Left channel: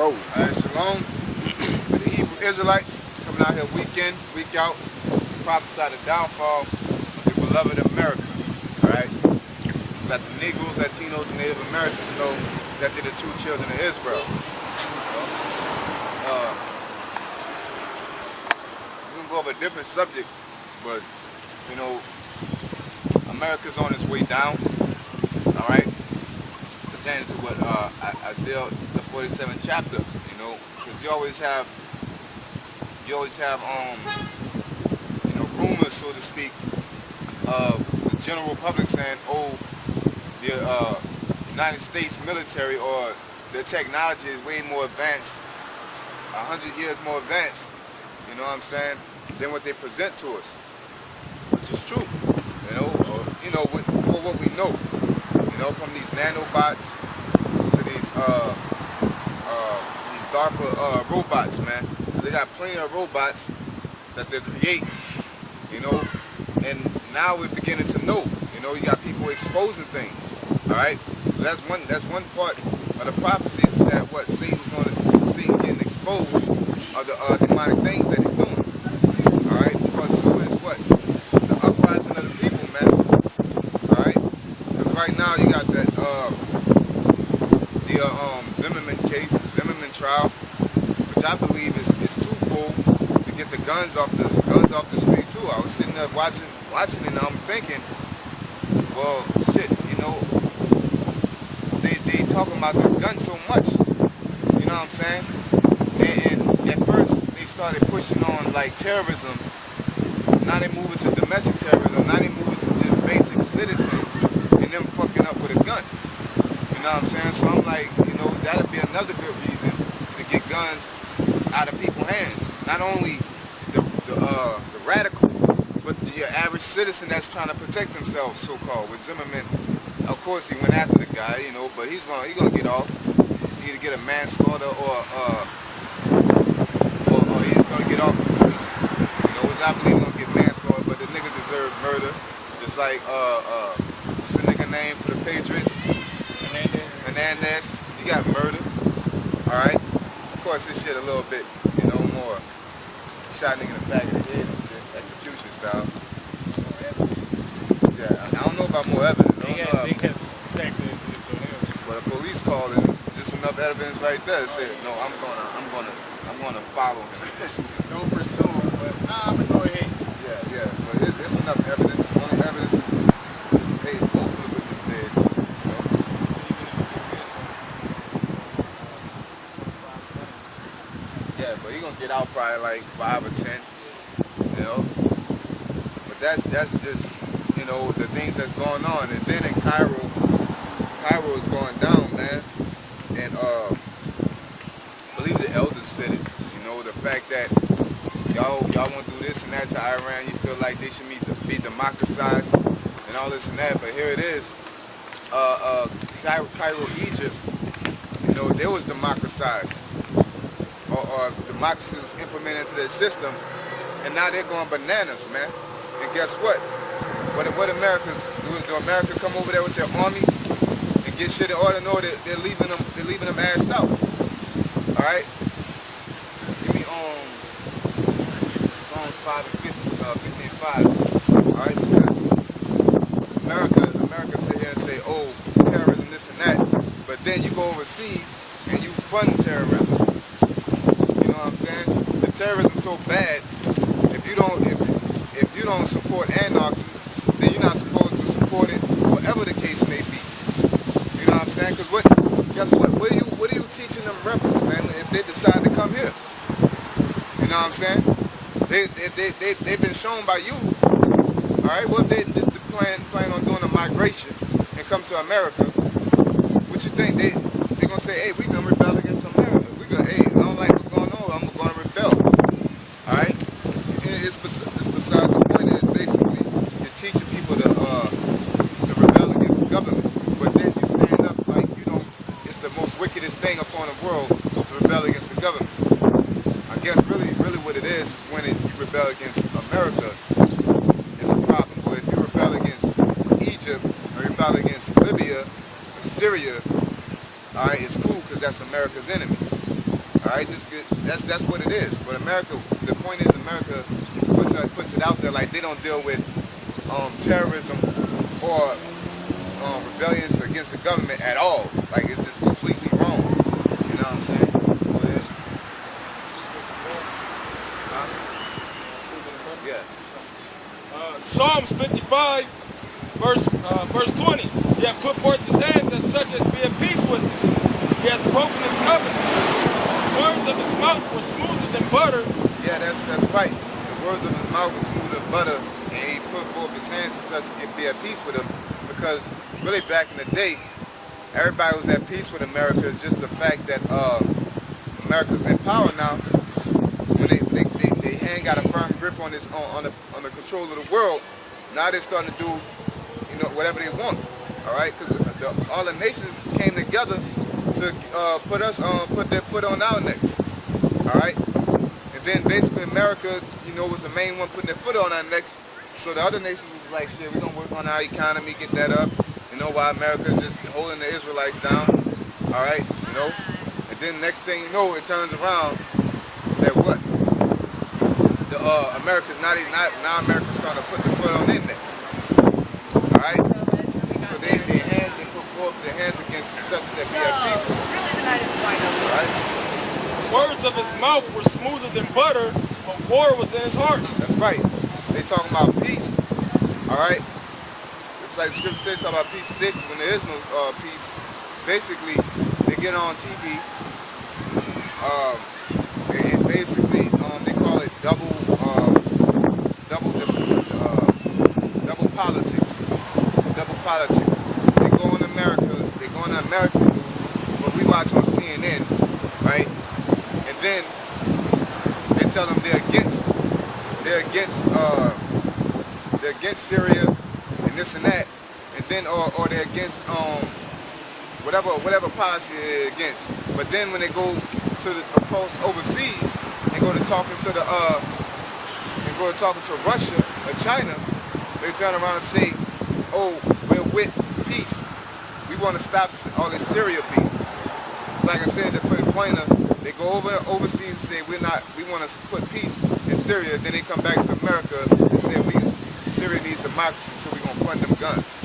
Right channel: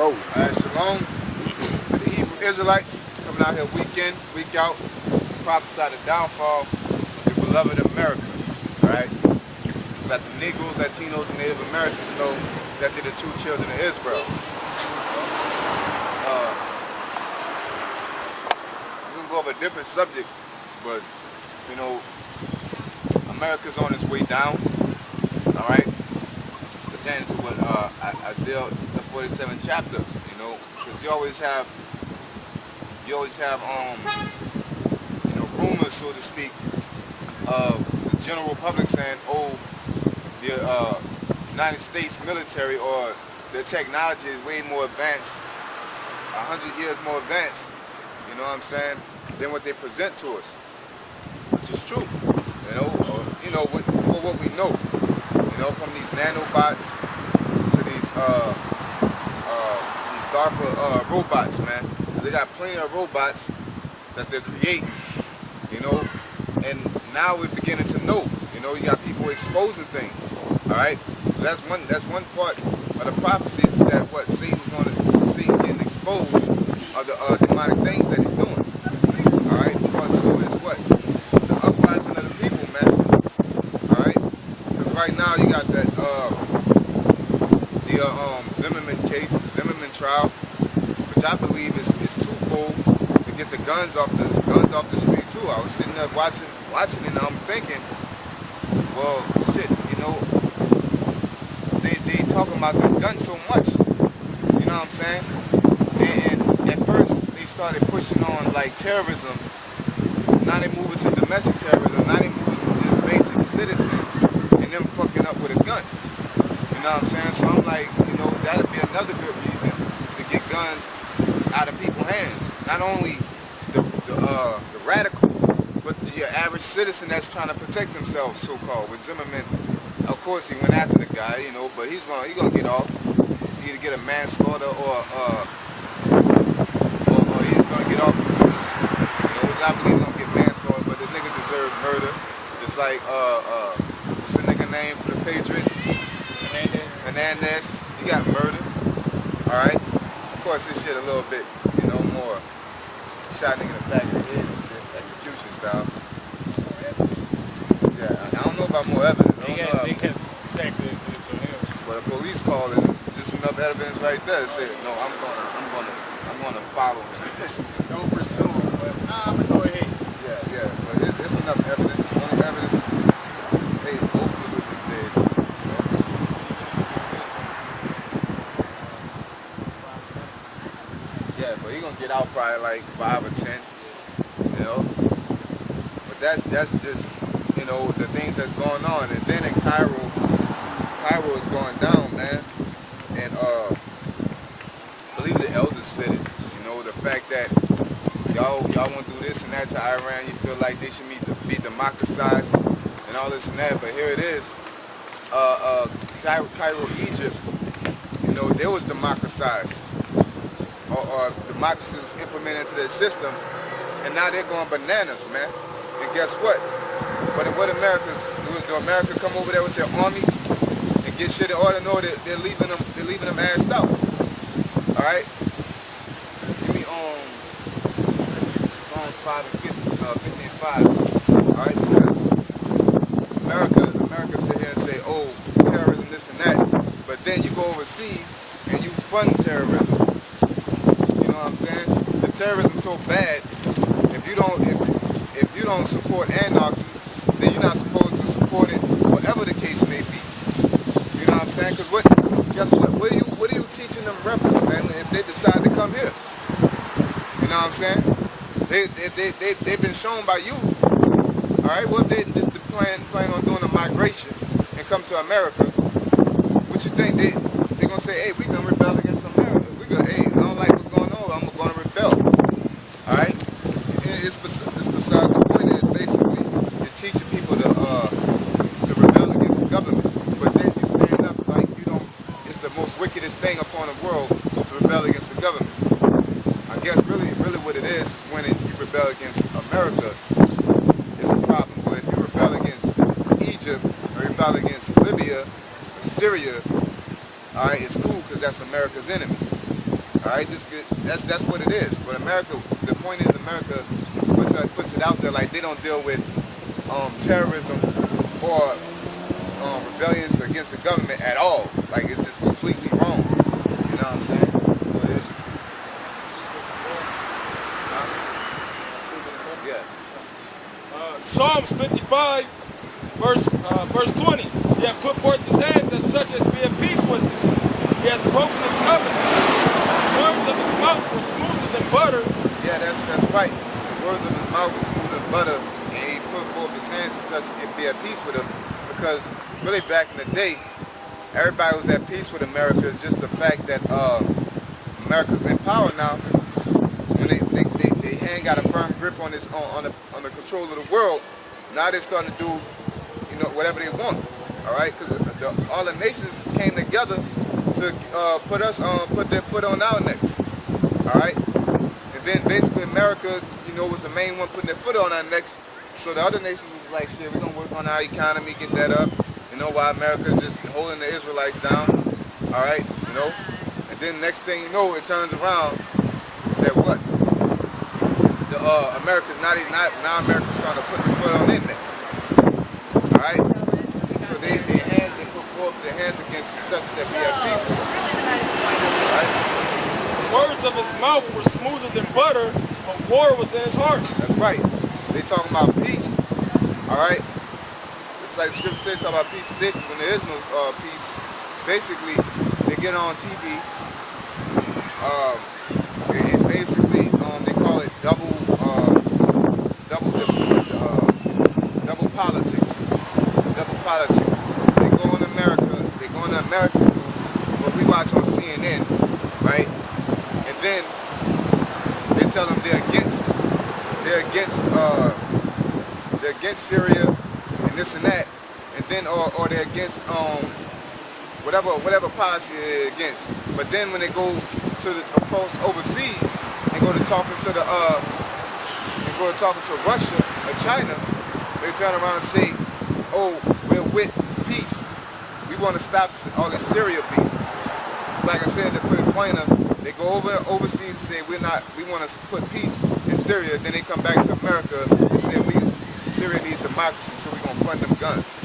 roll. Alright, shalom. For the Hebrew Israelites coming out here week in, week out, prophesy the downfall of the beloved America. Alright? Let the Negroes, Latinos, and Native Americans know that they're the true children of Israel. We're gonna go over a different subject, but you know, America's on its way down. Alright? Pertaining to what Isaiah the 47th chapter, you know, because you always have rumors, so to speak, of the general public saying, oh, the United States military or their technology is way more advanced, 100 years more advanced, you know what I'm saying, than what they present to us, which is true, for what we know. You know, from these nanobots to these DARPA robots, man. Because they got plenty of robots that they're creating, you know. And now we're beginning to know, you know, you got people exposing things, all right. So that's one part of the prophecies, is that what Satan getting exposed of the demonic things that he's doing, all right. Part two is what? The uprising of the people, man, all right. Because right now you got that Zimmerman case, Zimmerman trial, which I believe is twofold, to get the guns off the street too. I was sitting there watching it, and I'm thinking, well, shit, you know, they talking about this gun so much, you know what I'm saying? And at first they started pushing on like terrorism. Now they moving to domestic terrorism. Now they moving to just basic citizens and them fucking up with a gun. You know what I'm saying? So I'm like, you know, that'd be another good reason to get guns out of people's hands. Not only the radical, but the average citizen that's trying to protect themselves, so-called. With Zimmerman, of course, he went after the guy, you know, but he's gonna get off. Either get a manslaughter or he's gonna get off completely. You know, which I believe he's gonna get manslaughter, but the nigga deserved murder. Just like what's the nigga name for the Patriots? Hernandez. He got murdered. Alright? Of course this shit a little bit, you know, more shot nigga in the back of the head and shit. Execution style. More evidence. Yeah, I don't know about more evidence. They kept stacking evidence on him. But a police call is just enough evidence right there to say, no, I'm gonna follow him. Don't pursue him, but I'm gonna go ahead. Yeah, but it's enough evidence. Only evidence is, hey, both of the witnesses dead too, you know? Yeah, but he gonna get out probably like 5 or 10, you know? But that's just, you know, the things that's going on. And then in Cairo is going down, man. And I believe the elders said it, you know, the fact that y'all want to do this and that to Iran, you feel like they should be democratized and all this and that, but here it is. Cairo, Egypt, you know, they was democratized. Or democracy was implemented into their system, and now they're going bananas, man. And guess what? What America's doing? Do America come over there with their armies and get shit in order? No, they're leaving them assed out. All right. Give me Psalms 5 and 50 and 5. All right, because America sit here and say, oh, terrorism, this and that, but then you go overseas and you fund terrorism. You know what I'm saying? The terrorism's so bad. If you don't support anarchy, then you're not supposed to support it, whatever the case may be. You know what I'm saying? Because guess what? What are you teaching them rebels, man? If they decide to come here, you know what I'm saying? They've been shown by you. All right. Well, if they plan on doing a migration and come to America, what you think they're gonna say? Hey, we gonna rebel against America. Hey, I don't like what's going on. I'm gonna rebel. All right. And it's beside the point. Is basically you're teaching people to rebel against the government, but then you stand up like you don't. It's the most wickedest thing upon the world to rebel against the government. I guess really what it is when you rebel against America, it's a problem. But if you rebel against Egypt or rebel against Libya or Syria, all right, it's cool because that's America's enemy. All right, that's what it is. But America, the point is, America puts it out there like they don't deal with terrorism or rebellions against the government at all. Like it's just completely wrong. You know what I'm saying? Go ahead. Yeah. Psalms 55, verse 20. He hath put forth his hands as such as be at peace with thee. He hath broken his covenant. The words of his mouth were smoother than butter. Yeah, that's right. The words of his mouth were smoother than butter, and he put forth his hands as such as be at peace with him. Because really back in the day, everybody was at peace with America. It's just the fact that America's in power now. When they hand got a firm grip on this on the control of the world, now they're starting to do, you know, whatever they want. All right, because all the nations came together to put their foot on our necks. All right, and then basically America, you know, was the main one putting their foot on our necks. So the other nations was like, shit, we're gonna work on our economy, get that up. You know, while America just holding the Israelites down. All right, you know, and then next thing you know, it turns around that what? America's now America's starting to put the foot on their neck. All right, so they put forth their hands against such that we have peace with them. All right. The words of his mouth were smoother than butter, but war was in his heart. That's right. They talking about peace. All right. It's like the scripture says, talk about peace, safety when there is no peace. Basically, they get on TV. And basically, they call it double politics. Double politics. They go on America. They go on the American news, but we watch on CNN, right? And then they tell them they're against Syria and this and that, and then or they're against whatever policy they're against. But then when they go to across overseas and go to talking to Russia or China, they turn around and say, "Oh, we're with peace. We want to stop all this Syria beef." It's like I said, to put it plainer, they go overseas and say we want to put peace in Syria. Then they come back to America and say Syria needs democracy, so we're gonna fund them guns.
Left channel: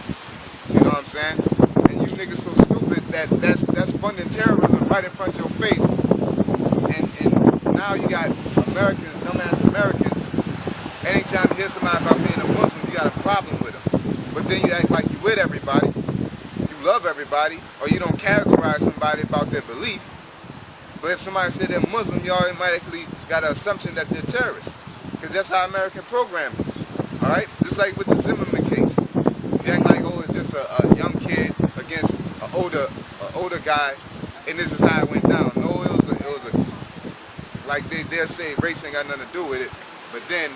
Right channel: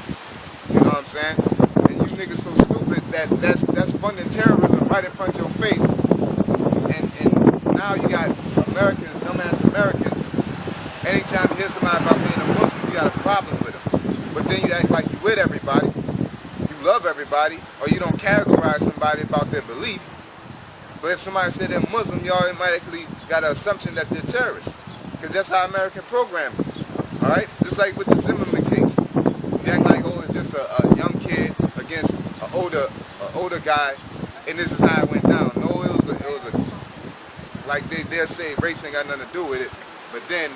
You know what I'm saying? And you niggas so stupid that that's funding terrorism right in front of your face. And now you got Americans, dumbass Americans. Anytime you hear somebody about being a Muslim, you got a problem with them. But then you act like you with everybody, you love everybody, or you don't categorize somebody about their belief. But if somebody said they're Muslim, you automatically got an assumption that they're terrorists. Because that's how American programming. All right? Just like with the Zimmerman case. You act like, oh, it's just a young kid against an older guy, and this is how it went down. No, it was a like they'll say race ain't got nothing to do with it, but then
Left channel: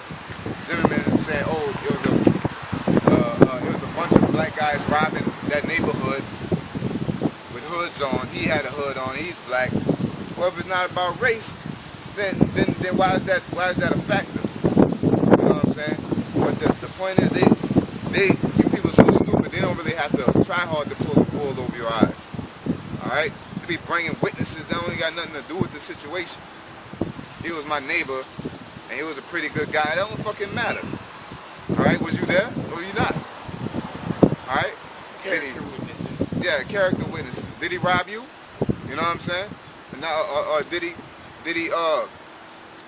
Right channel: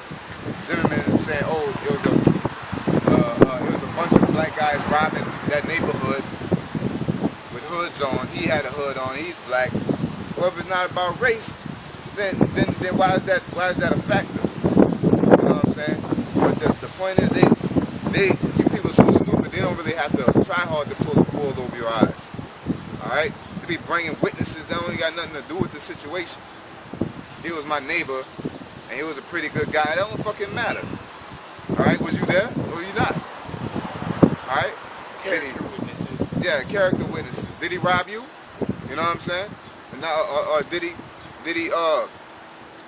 Zimmerman is saying, oh, it was a bunch of black guys robbing that neighborhood with hoods on. He had a hood on. He's black. Well, if it's not about race, then why is that a factor? You know what I'm saying? But the point is, you people are so stupid. They don't really have to try hard to pull the wool over your eyes. All right? To be bringing witnesses that only got nothing to do with the situation. He was my neighbor, and he was a pretty good guy. That don't fucking matter. All right? Was you there or you not? All right? Character witnesses. Yeah, character witnesses. Did he rob you? You know what I'm saying? And now, or did he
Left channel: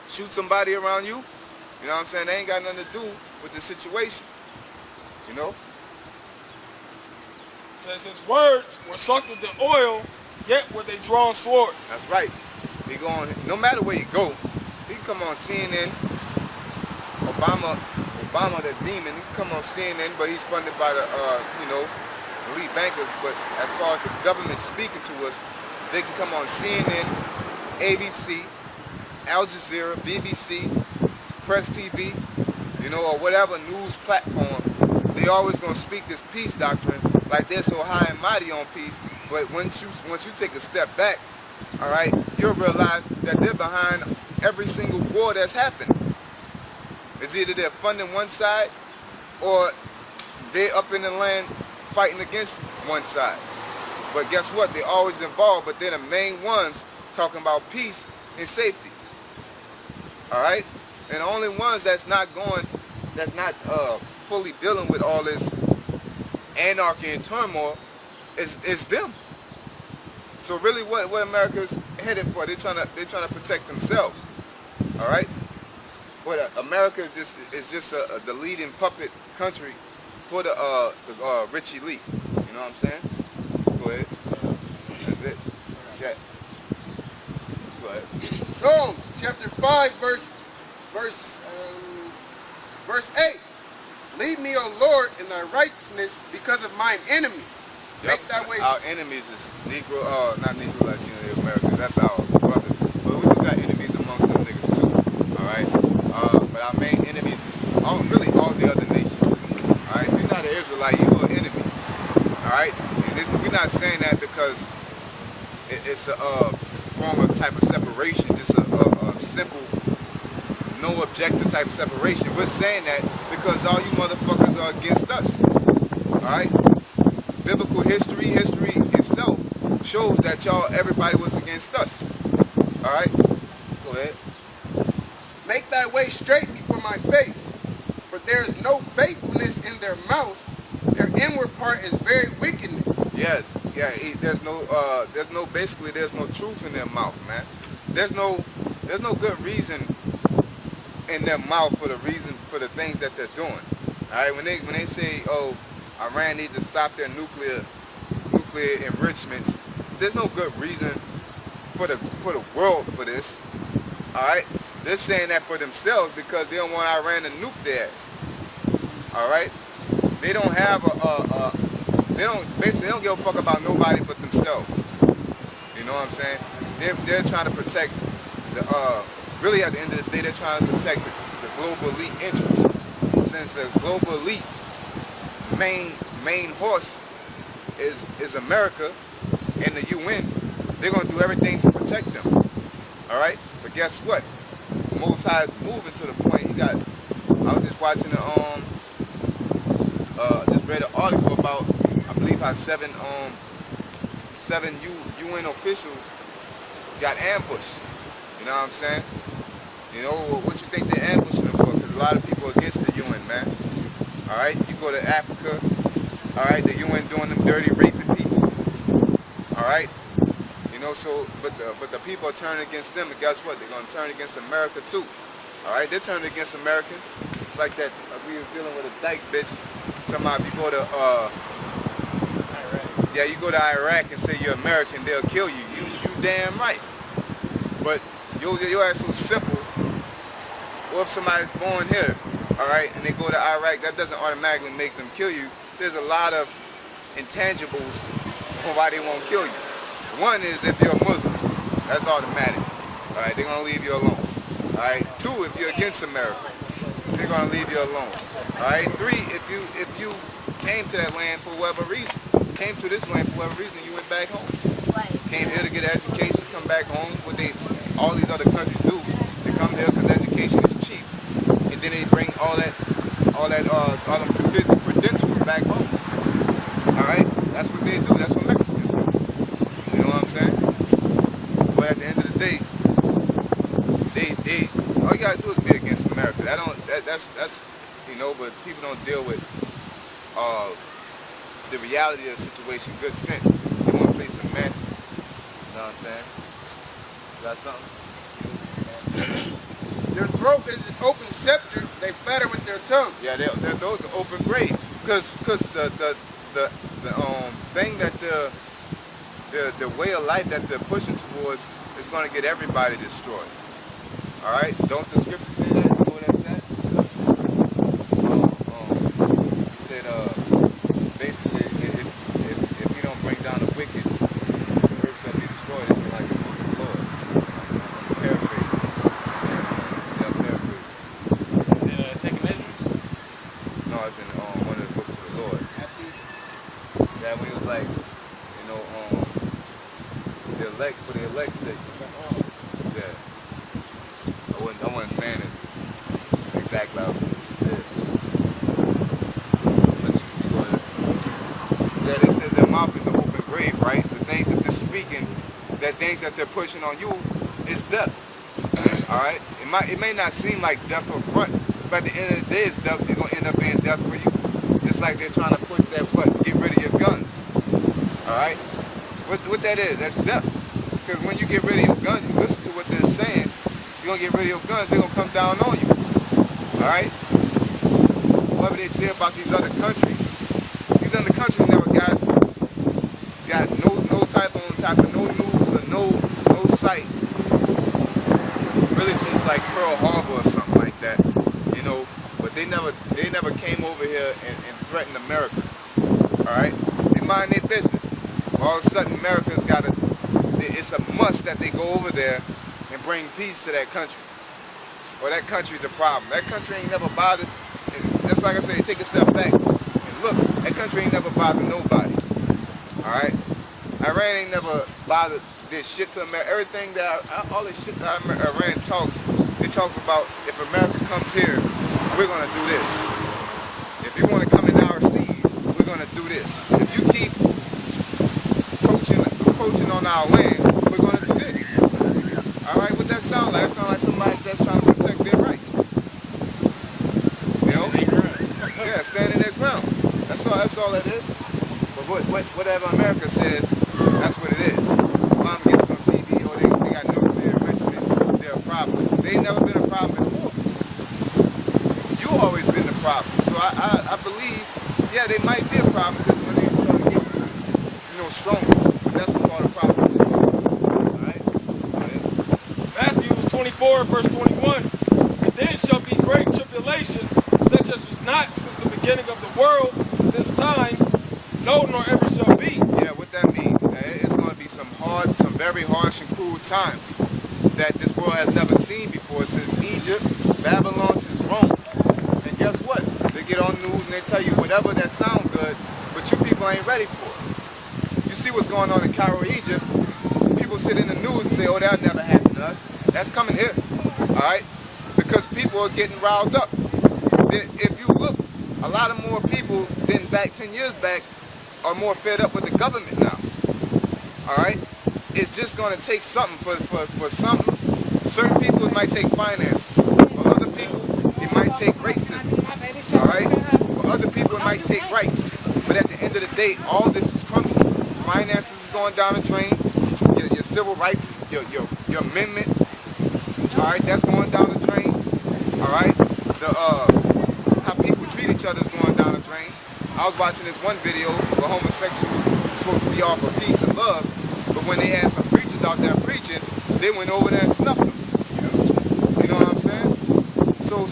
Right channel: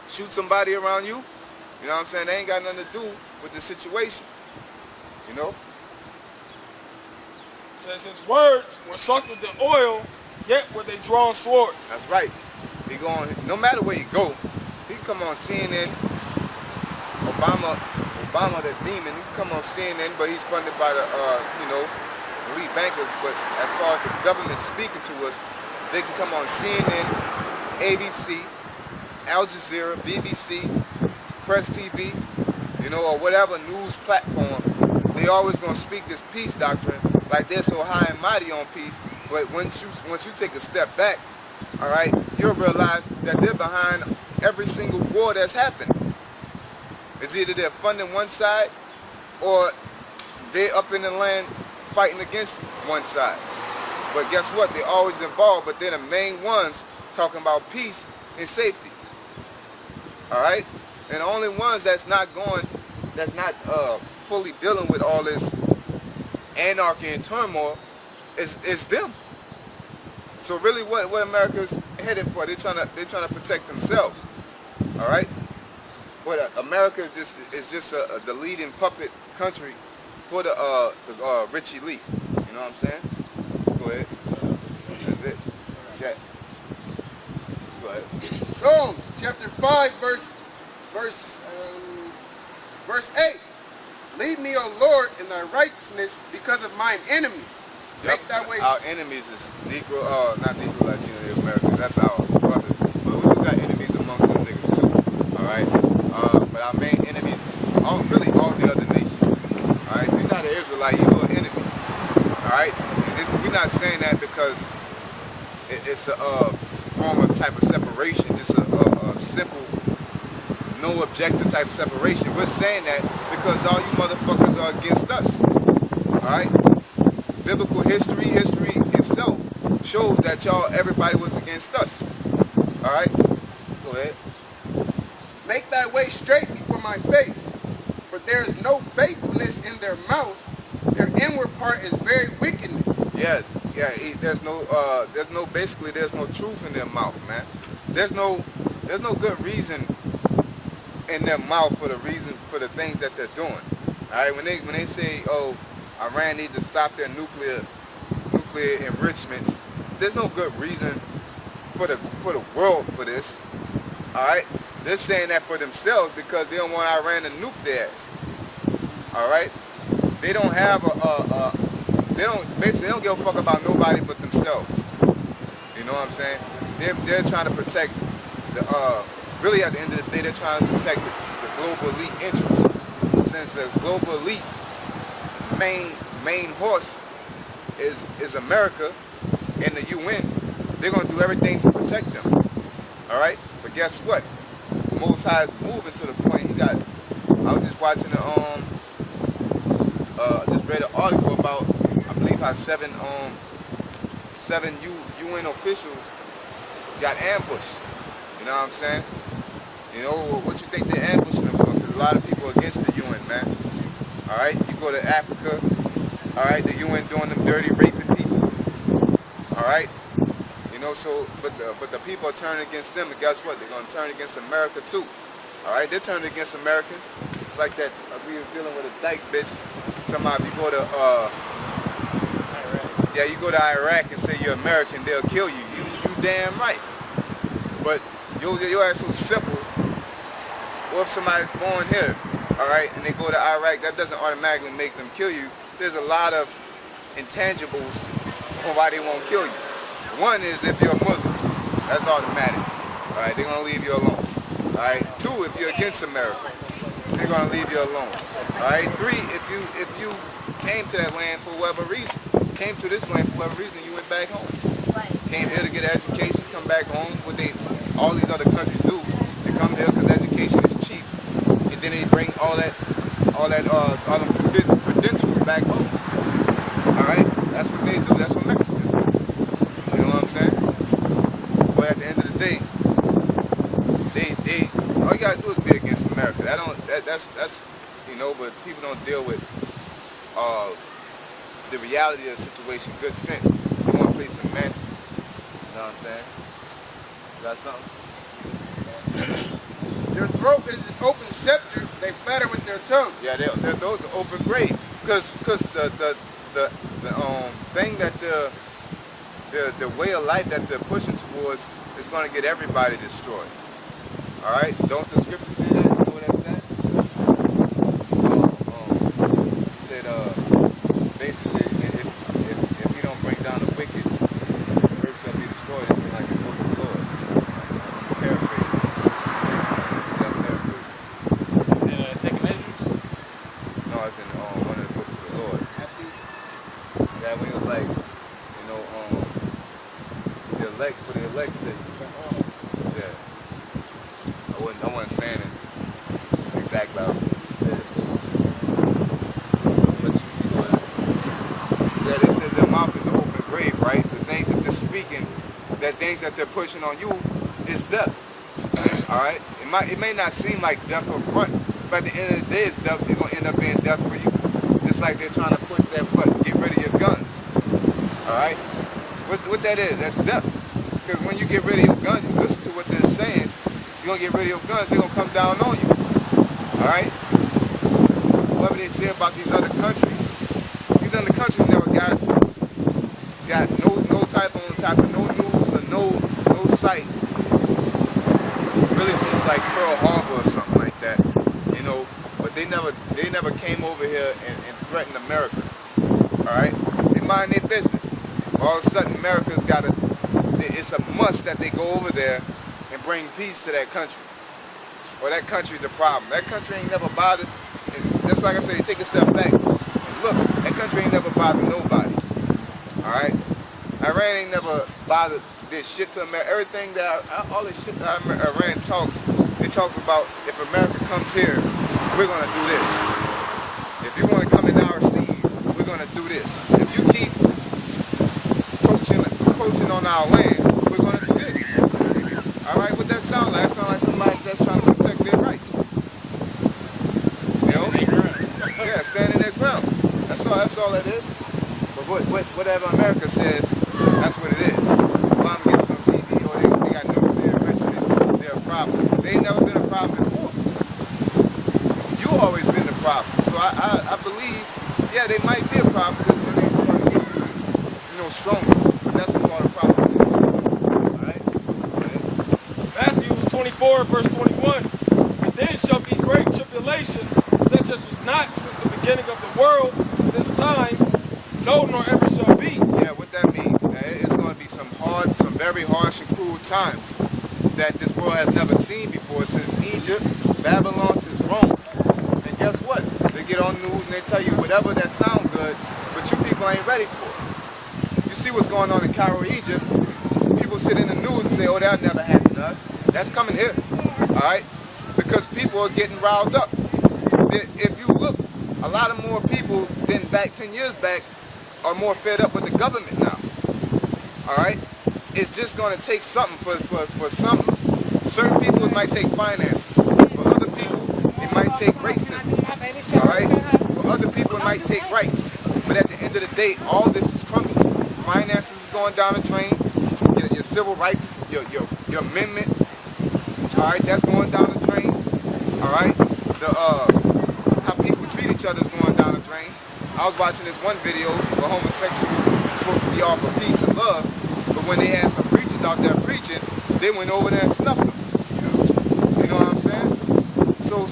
shoot somebody around you? You know what I'm saying? They ain't got nothing to do with the situation. You know? It says his words were soaked with the oil, yet were they drawn swords. That's right. He going, no matter where you go, he can come on CNN. Obama the demon, he can come on CNN, but he's funded by the elite bankers. But as far as the government speaking to us, they can come on CNN, ABC, Al Jazeera, BBC, Press TV, or whatever news platform. They always gonna speak this peace doctrine like they're so high and mighty on peace. But once you take a step back, all right, you'll realize that they're behind every single war that's happened. It's either they're funding one side or they're up in the land fighting against one side. But guess what? They're always involved, but they're the main ones talking about peace in safety. All right, and the only ones that's not fully dealing with all this anarchy and turmoil is them. So really, what America's headed for? They're trying to protect themselves. All right. What America is just the leading puppet country for the rich elite. You know what I'm saying? Go ahead. That's it. That's it. Go ahead. Psalms chapter 5, verse 8. Lead me, O Lord, in thy righteousness because of mine enemies. Yep. Make thy way Our enemies is Negro, not Negro, Latino, Native Americans. That's our brothers. But we do got enemies amongst them niggas too. All right. But our main enemies is really all the other nations. All right. If you're not an Israelite, you're an enemy. All right. And we're not saying that because it's a form of type of separation, just a simple, no objective type of separation. We're saying that because all you motherfuckers are against us. All right. Biblical history itself shows that everybody was against us. All right, go ahead. Make thy way straight before my face, for there is no faithfulness in their mouth. Their inward part is very wickedness. Yeah. There's no truth in their mouth, man. There's no good reason in their mouth for the things that they're doing. All right, when they say, oh, Iran needs to stop their nuclear enrichments, there's no good reason for the world for this. All right, they're saying that for themselves because they don't want Iran to nuke their ass. All right, they don't have they don't give a fuck about nobody but themselves. You know what I'm saying? They're trying to protect really at the end of the day they're trying to protect the global elite interests. Since the global elite main horse is America and the UN, they're gonna do everything to protect them. All right, but guess what? Most High is moving to the point. I was just watching just read an article about I believe how seven UN officials got ambushed. You know what I'm saying? You know what you think they're ambushing them for? Because a lot of people are against the UN, man. All right, you go to Africa, all right, the UN doing them dirty, raping people, all right, you know, so, but the people are turning against them, and guess what? They're going to turn against America too, all right? They're turning against Americans. It's like that, we were dealing with a dyke bitch, somehow if you go to, Iraq. Yeah, you go to Iraq and say you're American, they'll kill you. You damn right. But your ass so simple. What if somebody's born here, all right, and they go to Iraq? That doesn't automatically make them kill you. There's a lot of intangibles on why they won't kill you. One is if you're a Muslim, that's automatic. All right, they're gonna leave you alone. All right. Two, if you're against America, they're gonna leave you alone. All right. Three, if you came to that land for whatever reason, came to this land for whatever reason, you went back home. Came here to get an education, come back home. What all these other countries do, they come here because education is cheap, and then they bring all them credentials back home. All right, that's what they do. That's what Mexicans do. You know what I'm saying? But at the end of the day, they all you gotta do is be against America. That's you know. But people don't deal with the reality of the situation. Good sense. They want to play some matches. You know what I'm saying? Got something? Their throat is an open scepter. They flatter with their tongue. Yeah, those are open grave. Cause the thing that the way of life that they're pushing towards is going to get everybody destroyed. All right? Don't the scripture say that? You know what that's at? It said basically if you don't bring down the wicked, the earth shall be destroyed. It's like the book of the Lord. I'm paraphrasing. Yeah, I'm paraphrasing. Is it second measures? No, it's in one of the books of the Lord. Yeah, when he was like, you know, the elect for the elect's sake. Yeah. I wasn't saying it exactly how I was supposed to say it, but you go ahead. Yeah, they says their mouth is an open grave, right? The things that they're speaking, that things that they're pushing on you, is death. All right, it may not seem like death up front, but at the end of the day, it's death. It's gonna end up being death for you. Just like they're trying to push that get rid of your guns. All right, what that is? That's death. Because when you get rid of your guns, you listen to what they're saying. You're gonna get rid of your guns. They're gonna come down on you. All right. Whatever they say about these other countries never got no type of no news or no sight. Really seems like Pearl Harbor or something like that, you know. But they never came over here and threatened America. All right, they mind their business. All of a sudden, America's got it's a must that they go over there and bring peace to that country. Or that country's a problem. That country ain't never bothered. Just like I say, take a step back and look. That country ain't never bothered nobody. All right, Iran ain't never bothered. Did shit to America. Everything that all this shit that Iran talks, it talks about if America comes here, we're gonna do this. If you want to come in our seas, we're gonna do this. If you keep poaching on our land, we're gonna do this. All right, what that sound like? That sound like somebody that's trying to protect their rights. You know? Yeah, standing their ground. That's all it is. But whatever America says, that's what it is. Obama gets on TV or they got nuclear enrichment, they're a problem. They ain't never been a problem before. You always been the problem. So I believe, yeah, they might be a problem because when they start getting, stronger. But that's a part of problem. All right? Go ahead. Matthew 24, verse 21. And then shall be great tribulation, such as was not since the beginning of the world to this time, no, nor ever shall be. Yeah, what that means? It's going to be some very harsh and cruel times that this world has never seen before, since Egypt, Babylon, since Rome. And guess what? They get on news and they tell you whatever that sounds good, but you people ain't ready for it. You see what's going on in Cairo, Egypt. People sit in the news and say, oh, that'll never happen to us. That's coming here, all right? Because people are getting riled up. If you look, a lot of more people than back 10 years back are more fed up with the government now. All right? It's just going to take something for something. Certain people, it might take finances. For other people, it might take racism. All right? For other people, it might take rights. But at the end of the day, all this is crumbling. Finances is going down the drain. Your civil rights, your amendment, all right, that's going down the drain. All right? How people treat each other is going down the drain. I was watching this one video where homosexuals are supposed to be all for peace and love, but when they had some preachers out there preaching, they went over there and snuffed them. You know what I'm saying? So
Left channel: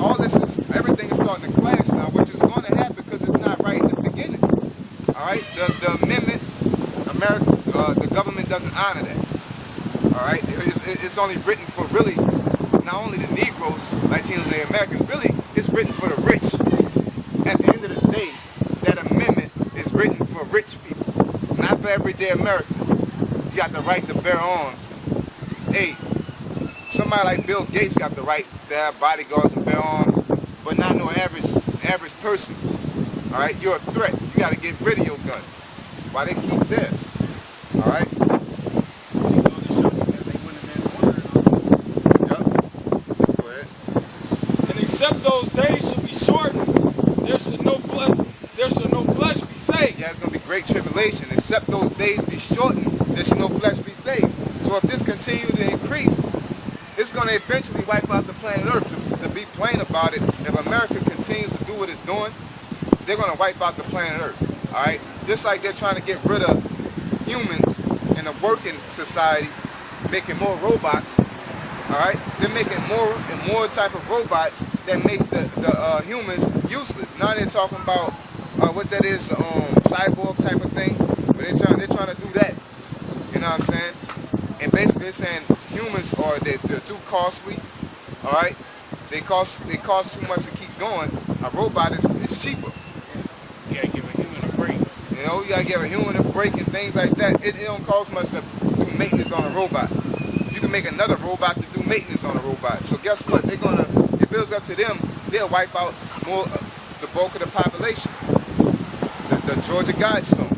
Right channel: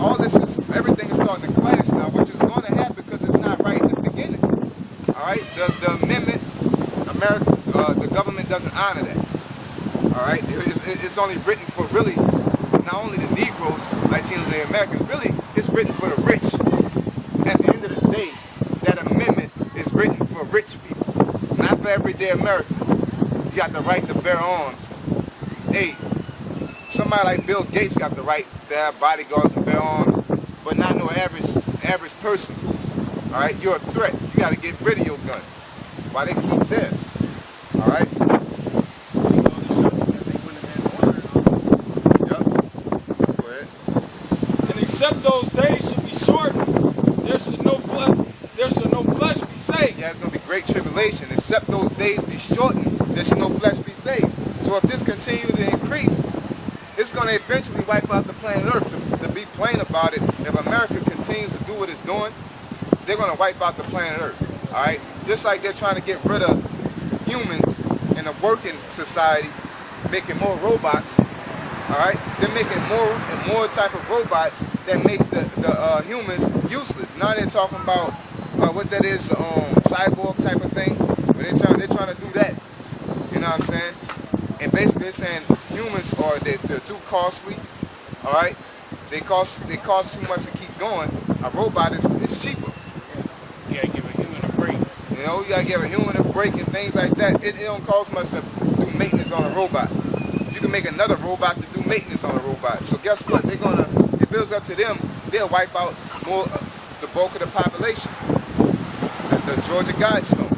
all this everything is starting to clash now, which is going to happen because it's not right in the beginning. All right? The amendment, the government doesn't honor that. All right? It's only written for really, not only the Negroes, Latinos, and the Americans, really, it's written for the rich. At the end of the day, that amendment is written for rich people, not for everyday Americans. You got the right to bear arms. Hey, somebody like Bill Gates got the right to have bodyguards and bear arms, but not no average person. All right, you're a threat. You got to get rid of your gun. Why they keep theirs? All right. Yep. Go ahead. And except those days should be shortened, there should no flesh be saved. Yeah, it's going to be great tribulation. Except those days be shortened, there should no flesh be saved. So if this continues to increase, it's going to eventually wipe out the planet Earth. To be plain about it, if America continues to do what it's doing, they're going to wipe out the planet Earth. All right? Just like they're trying to get rid of humans in a working society, making more robots. All right? They're making more and more type of robots that makes the humans useless. Now they're talking about what that is, cyborg type of thing. But they're trying to do that. You know what I'm saying? And basically they're saying humans they're too costly. All right? They cost too much to keep going. A robot is cheaper. You gotta give a human a break. You know, you gotta give a human a break and things like that. It don't cost much to do maintenance on a robot. You can make another robot to do maintenance on a robot. So guess what? If it was up to them, they'll wipe out the bulk of the population. The Georgia Guidestone.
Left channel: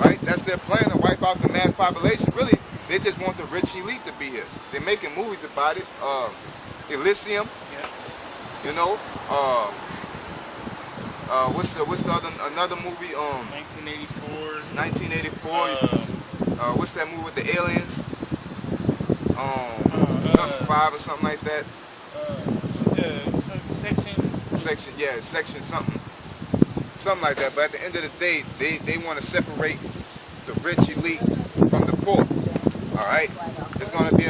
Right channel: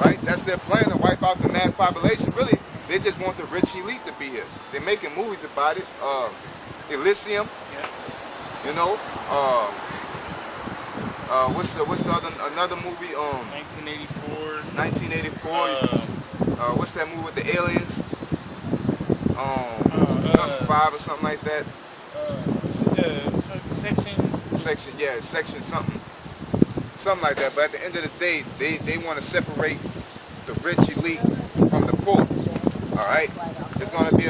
Right? That's their plan, to wipe out the mass population. Really, They just want the rich elite to be here. They're making movies about it. Elysium, Yeah. you know. What's the other another movie? 1984. 1984. What's that movie with the aliens? Something 5 or something like that. Section. Section something like that. But at the end of the day, they want to separate the rich elite from the poor. All right, it's gonna be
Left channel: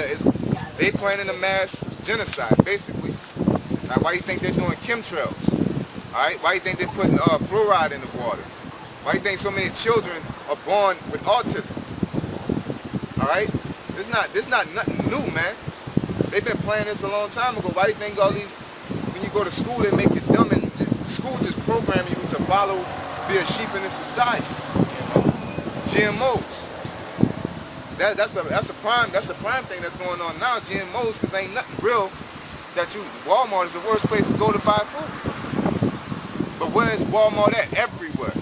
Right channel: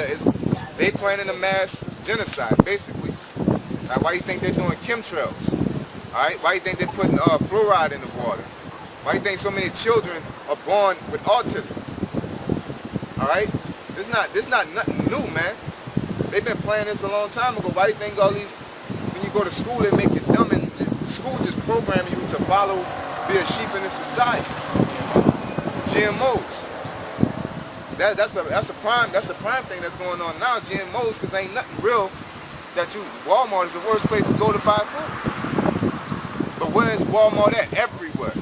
they planning a mass genocide basically. Now, why do you think they're doing chemtrails? All right, why do you think they're putting fluoride in the water? Why do you think so many children are born with autism? All right, this not nothing new, man. They've been planning this a long time ago. Why do you think all these, when you go to school, they make you dumb, and school just programming you to follow, be a sheep in this society? GMOs. That's a prime thing that's going on now. GMOs, because ain't nothing real. Walmart is the worst place to go to buy food. But where is Walmart at? Everywhere.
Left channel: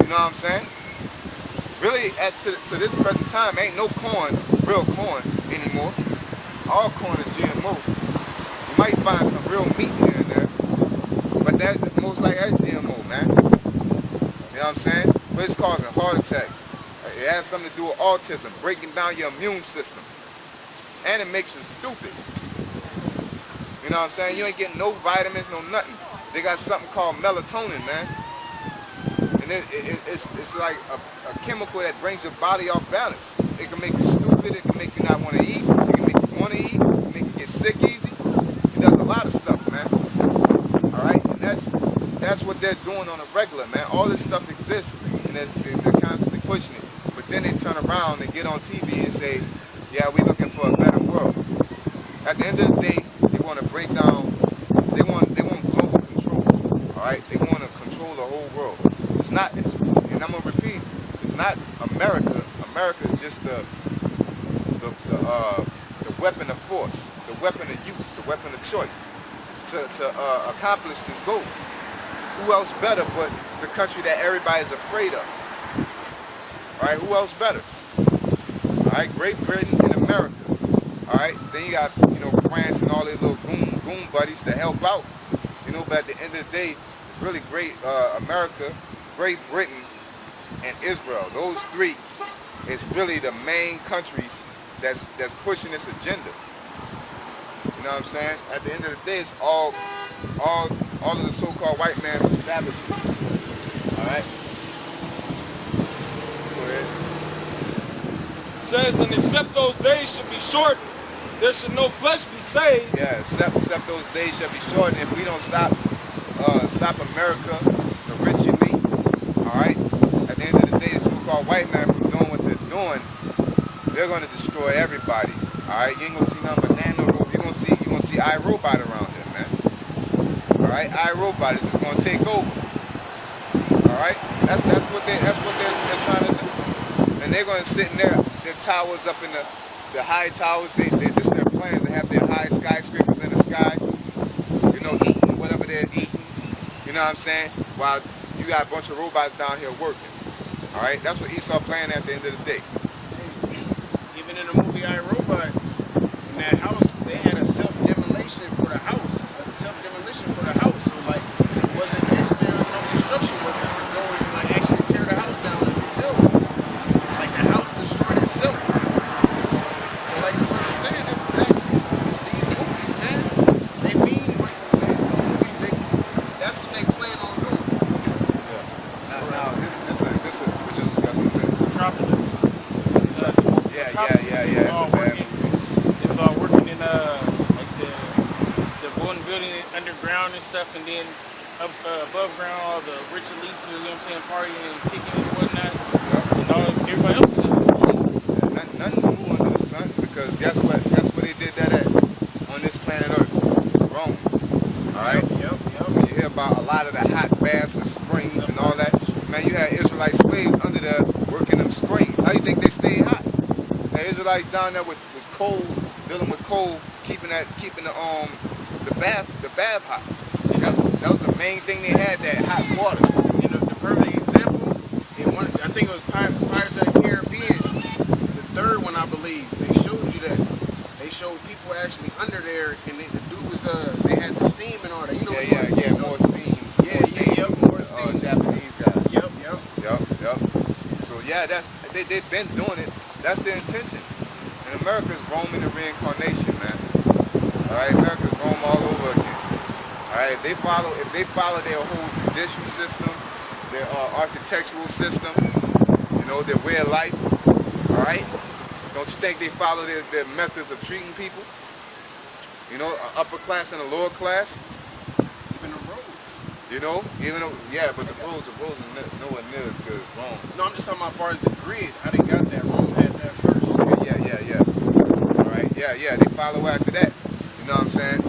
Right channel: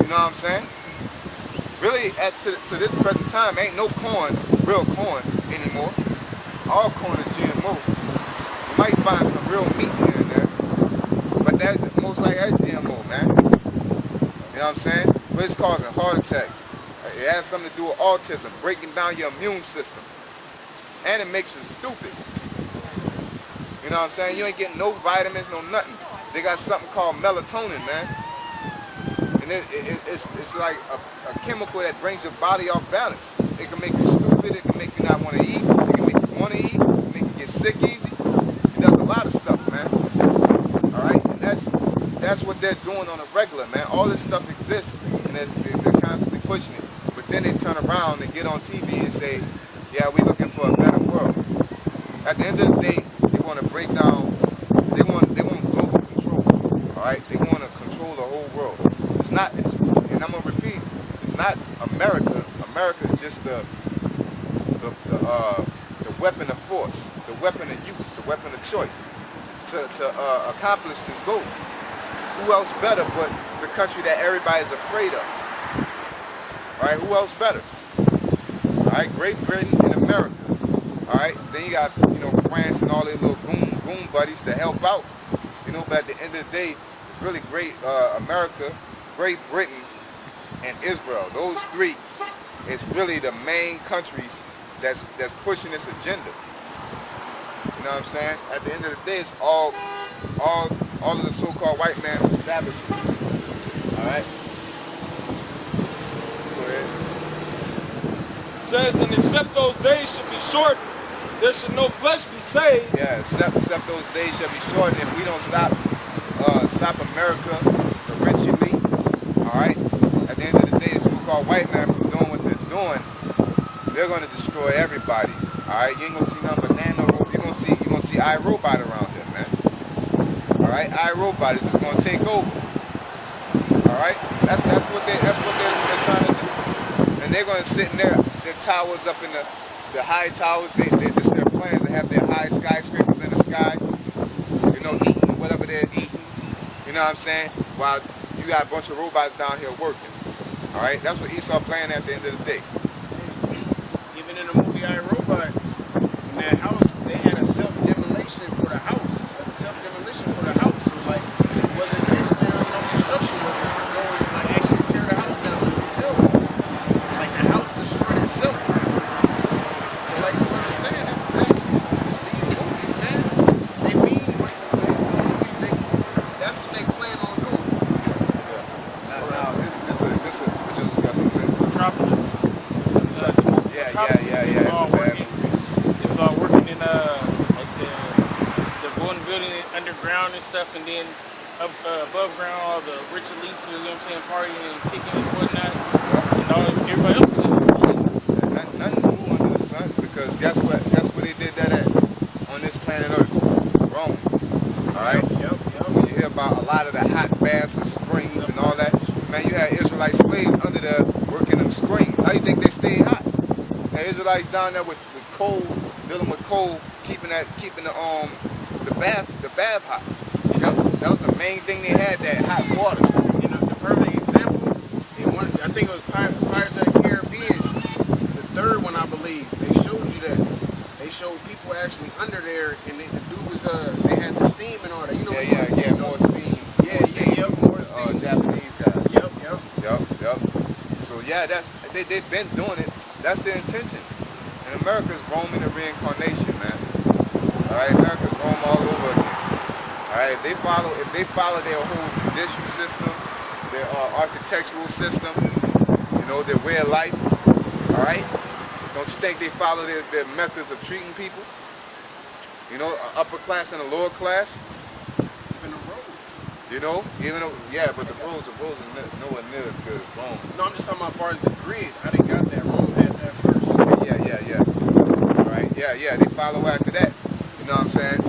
You know what I'm saying? Really, to this present time, ain't no real corn anymore. All corn is GMO. You might find some real meat here and there, but that's most likely that's GMO, man. You know what I'm saying? But it's causing heart attacks. It has something to do with autism, breaking down your immune system, and it makes you stupid. You know what I'm saying? You ain't getting no vitamins, no nothing. They got something called melatonin, man. And it's like a chemical that brings your body off balance. It can make you stupid. It can make you not want to eat. It can make you want to eat. Make you get sick easy. It does a lot of stuff, man. All right? And that's what they're doing on a regular, man. All this stuff exists, and they're constantly pushing it. But then they turn around and get on TV and say, yeah, we're looking for a better world. At the end of the day, they want to break down, they want global control, all right? They want to control the whole world. And I'm going to repeat, it's not America. America is just the weapon of force, the weapon of use, the weapon of choice to accomplish this goal. Who else better but the country that everybody's afraid of? All right, who else better? All right, Great Britain and America. All right, then you got, France and all their little goon buddies to help out. But at the end of the day, it's really great. America, Great Britain, and Israel. Those three is really the main countries that's pushing this agenda. You know what I'm saying? At the end of the day, it's all of the so-called white man's establishments. All right. Go ahead. Says, and except those days should be shortened, there should no flesh be saved. Yeah, except those days shall be shortened. If we don't stop America, the rich elite, all right? At the end of the day, the so-called white man from doing what they're doing, they're gonna destroy everybody. All right, you ain't gonna see nothing but nano. You're gonna see iRobot around here, man. All right, iRobot is just gonna take over. All right, that's what they're trying to do, and they're gonna sit in their towers up in the high towers. This is their plans. They have their high skyscrapers in the sky, eating whatever they're eating. You know what I'm saying? While you got a bunch of robots down here working. All right, that's what Esau playing at the end of the day. Even in the movie I, Robot, in that house, they had a self-demolition for the house. So like, it wasn't basically no construction workers to go and actually tear the house down and rebuild. Like, the house destroyed itself. So like what I'm saying is that these movies, man, they mean what that's what they plan on doing. Yeah. Now this which is, you got something to say? Metropolis. Yeah. It's a bad movie. It was all working in like the building underground and stuff, and then above ground all the rich elites, partying and kicking and whatnot. Yeah. And everybody else was just Nothing new under the sun, because guess what they did that at on this planet Earth? Rome. All right? Yep. When you hear about a lot of the hot baths and springs and all that, man, you had Israelite slaves under there working them springs. How you think they stayed hot? And Israelites down there with coal, dealing with coal, keeping the bath hot. That was the main thing they had, that hot water. The perfect example, I think it was Pirates of the Caribbean. third one, I believe, they showed you that. They showed people actually under there, and the dude was they had the steam and all that. You know what more steam. More steam. Japanese guys. Yep. So yeah, they've been doing it. That's their intentions. And America's roaming the reincarnation, man. All right, America's roam all over again. All right, if they follow their whole judicial system, their architectural system, you know, their way of life. All right. Don't you think they follow their methods of treating people? You know, upper class and a lower class. Even the roads. You know, but the roads are nowhere near as good as Rome. No, I'm just talking about as far as the grid, how they got that. Rome had that first. Okay, yeah. All right, yeah, they follow after that. You know what I'm saying?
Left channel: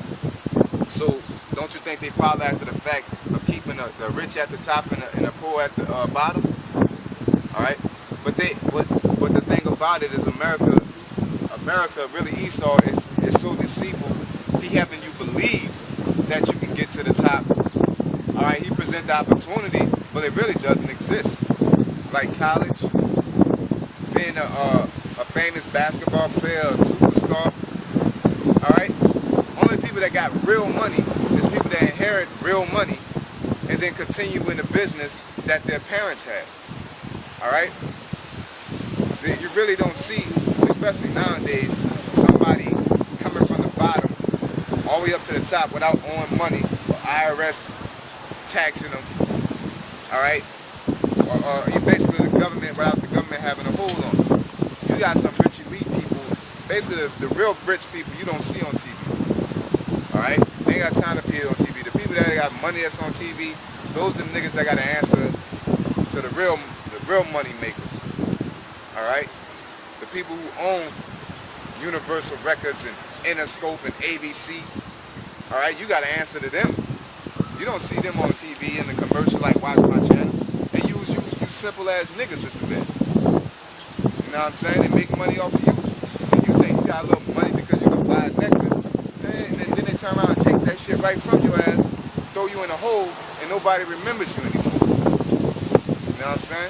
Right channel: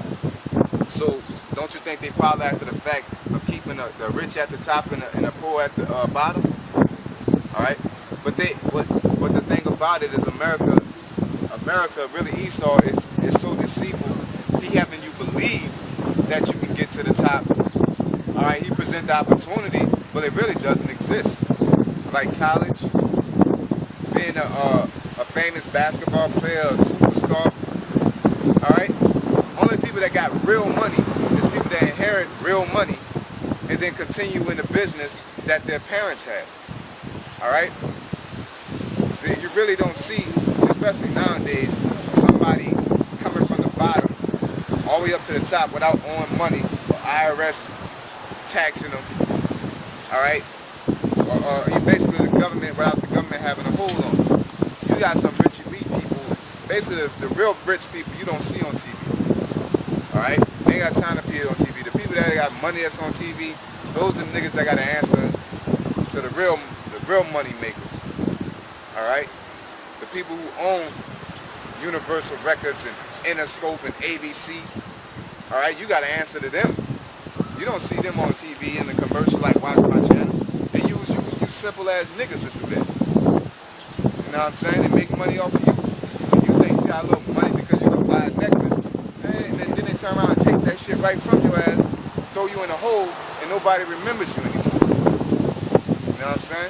So, don't you think they follow after the fact of keeping the rich at the top and the poor at the bottom? All right, but the thing about it is America really Esau is so deceitful. He having you believe that you can get to the top. All right, he present the opportunity, but it really doesn't exist. Like college, being a famous basketball player, a superstar. All right, only people that got real money is people that inherit real money and then continue in the business that their parents had. All right. You really don't see, especially nowadays, somebody coming from the bottom all the way up to the top without owing money, or IRS taxing them, all right? Or you basically the government without the government having a hold on them. You got some rich elite people, basically the real rich people you don't see on TV, all right? They ain't got time to be on TV. The people that got money that's on TV, those are the niggas that got to answer to the real money makers. All right, the people who own Universal Records and Interscope and ABC. All right, you got to answer to them. You don't see them on TV in the commercial like Watch My Channel. They use you simple ass niggas to do that. You know what I'm saying? They make money off of you. And you think you got a little money because you can buy a necklace, and then they turn around and take that shit right from your ass, throw you in a hole, and nobody remembers you anymore. You know what I'm saying?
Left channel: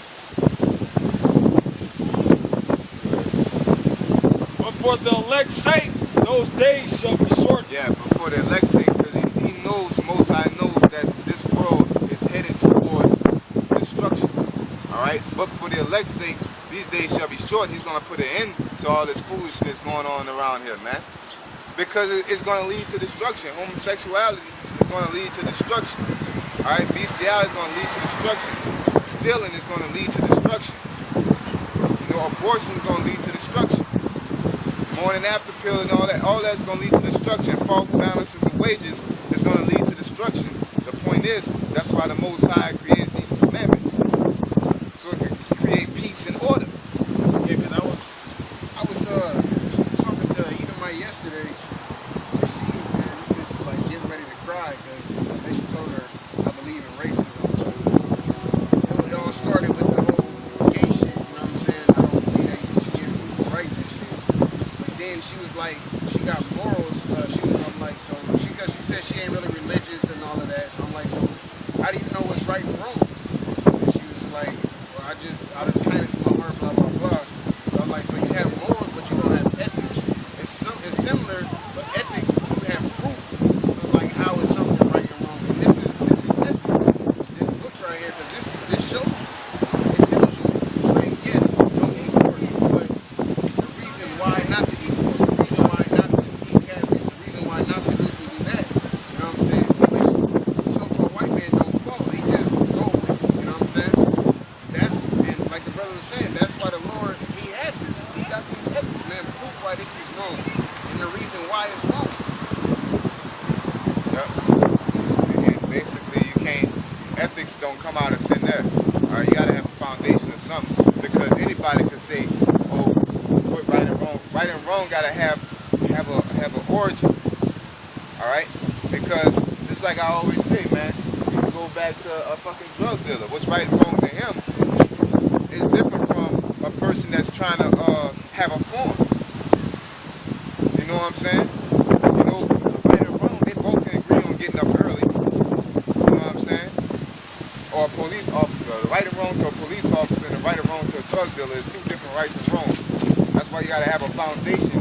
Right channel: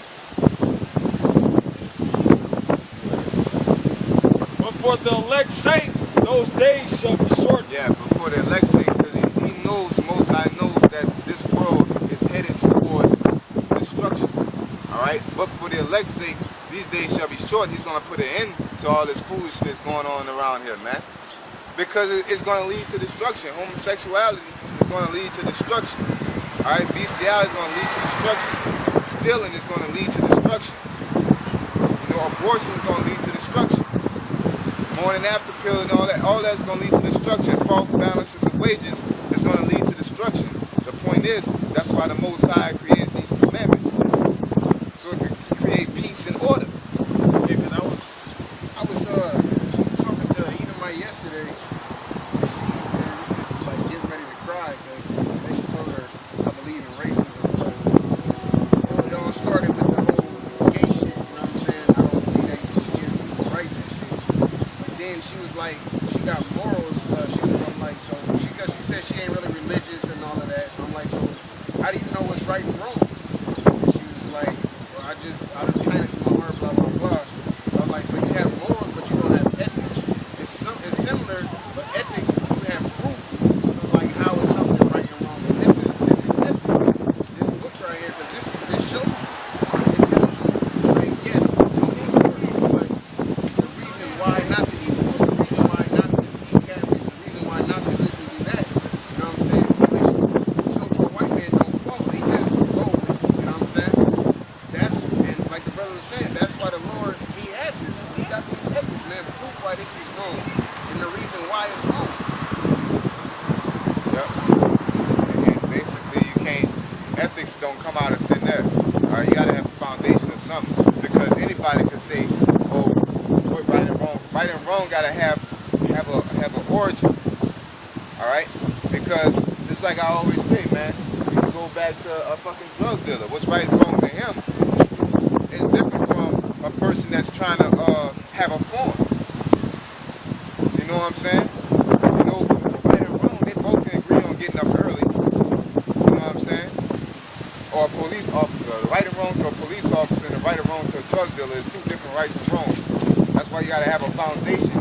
But for the elect's sake, those days shall be short. Yeah, but for the elect's sake, because he knows, the Most High knows that this world is headed toward destruction. All right? But for the elect's sake, these days shall be short. He's going to put an end to all this foolishness going on around here, man. Because it's going to lead to destruction. Homosexuality is going to lead to destruction. All right? Bestiality is going to lead to destruction. Stealing is going to lead to destruction. You know, abortion is going to lead to destruction. Morning after pill and all that's going to lead to destruction. False balances of wages is going to lead to destruction. The point is, that's why the Most High created these commandments. So it could create peace and order. Yeah, because I was talking to Edomite yesterday, and she, man, was like getting ready to cry because I basically told her I believe in racism, but it all started with the whole gay shit, you know what I'm saying? I don't believe that you should give people rights and shit. Then she was like, she got morals. I'm like, so because she said she ain't really religious and all of that. So I'm like, so how do you know what's right and wrong? And she was like, well, I just out of the kindness of my heart, blah blah blah. And I was like, so you have morals, but you don't have ethics. It's similar, but ethics you have proof of like how is something right and wrong. And this is ethics. This book right here, because this shows you. It tells you, like, yes, don't eat pork, but why not to eat pork, the reason why not to eat catfish, the reason why not to do this and do that, you know what I'm saying, which the so-called white man don't follow, he just go with it, you know what I'm saying, and like the brother was saying, that's why the Lord, he got these ethics, man, proof why this is wrong, and the reason why it's wrong. Yep, and basically ethics don't come out of thin air, all right, you gotta have a foundation of something, because anybody could say, oh, what right and wrong? Right and wrong gotta have an origin. All right? Because just like I always say, man, you can go back to a fucking drug dealer. What's right and wrong to him is different from a person that's trying to have a farm. You know what I'm saying? You know, the right and wrong, they both can agree on getting up early. You know what I'm saying? Or a police officer. The right and wrong to a police officer and the right and wrong to a drug dealer is two different rights and wrongs. That's why you gotta have a foundation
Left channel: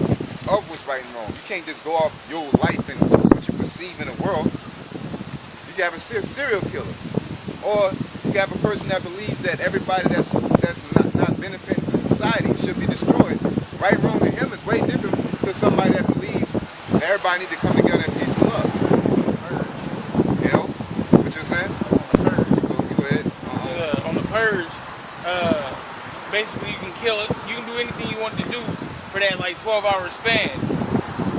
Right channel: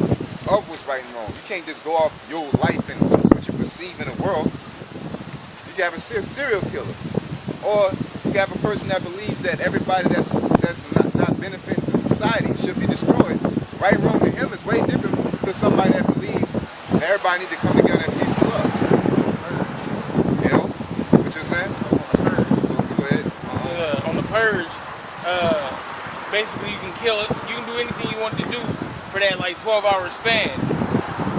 of what's right and wrong. You can't just go off your life and what you perceive in the world. You can have a serial killer, or you can have a person that believes that everybody that's not benefiting to society should be destroyed. Right and wrong to him is way different to somebody that believes that everybody needs to come together in peace and love. You know what you're saying? Go ahead. On the purge, basically you can kill it. You can do anything you want to do for that like 12-hour span.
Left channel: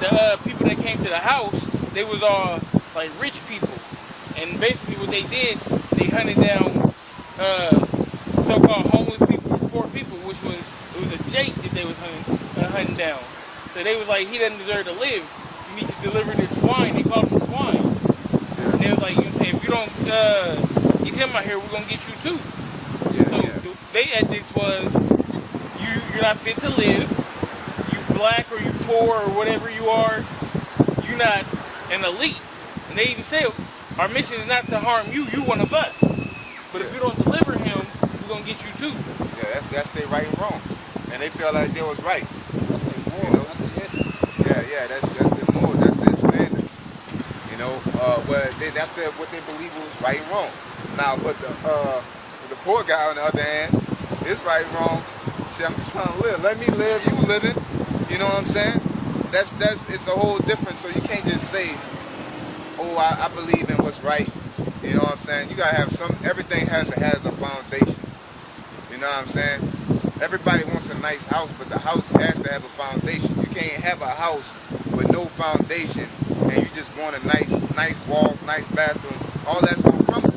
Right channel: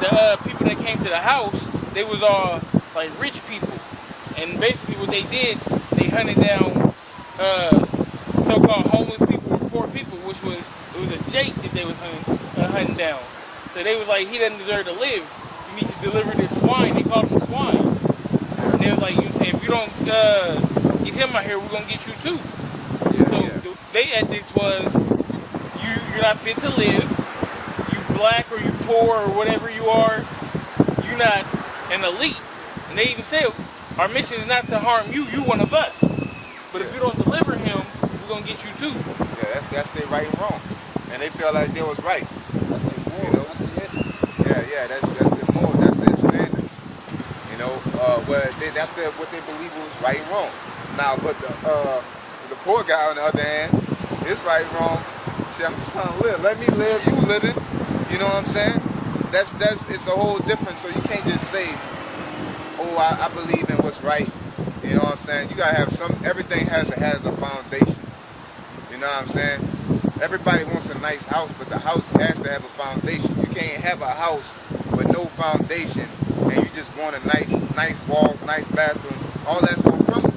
The people that came to the house, they was all like rich people, and basically what they did, they hunted down so-called homeless people or poor people, which was a jake that they was hunting down. So they was like, he doesn't deserve to live. You need to deliver this swine. They called him swine. Yeah. And they was like, you know what I'm saying, if you don't get him out here, we're gonna get you too. Yeah, So yeah. their ethics was, you're not fit to live. You black or you poor or whatever you are, you're not an elite. And they even said, our mission is not to harm you. You one of us. But if you don't deliver him, we're gonna get you too. Yeah, that's their right and wrong, and they felt like they was right. That's their moral. You know? That's their ethics. Yeah, that's their morals, that's their standards. You know, that's what they believe was right and wrong. Now, but the poor guy on the other hand, his right and wrong. See, I'm just trying to live. Let me live. You living. You know what I'm saying? That's it's a whole different. So you can't just say, oh, I believe in what's right. You know what I'm saying? You gotta have everything has a foundation. You know what I'm saying? Everybody wants a nice house, but the house has to have a foundation. You can't have a house with no foundation and you just want a nice walls, nice bathroom. All that's gonna crumble.